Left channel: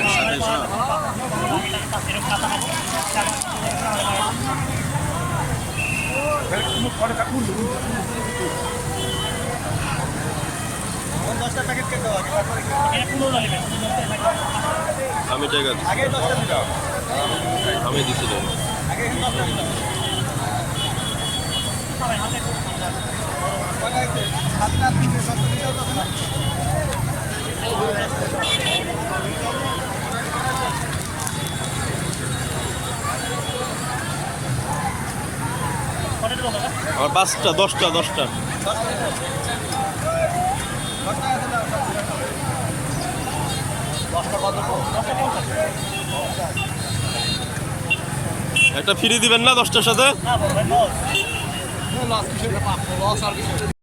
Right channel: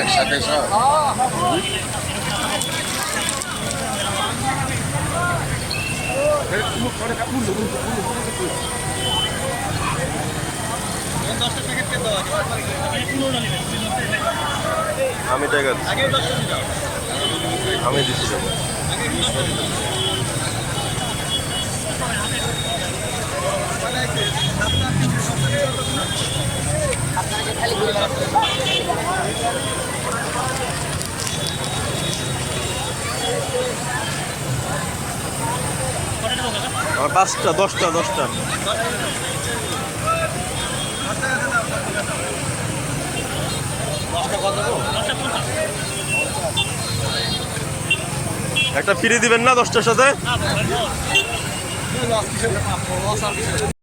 একসাথে সব আমি টাকা দিচ্ছি, আমি দিচ্ছি টাকা। আমার 5টা 10টা একটা ফ্রি দিবেন না 10টার সাথে?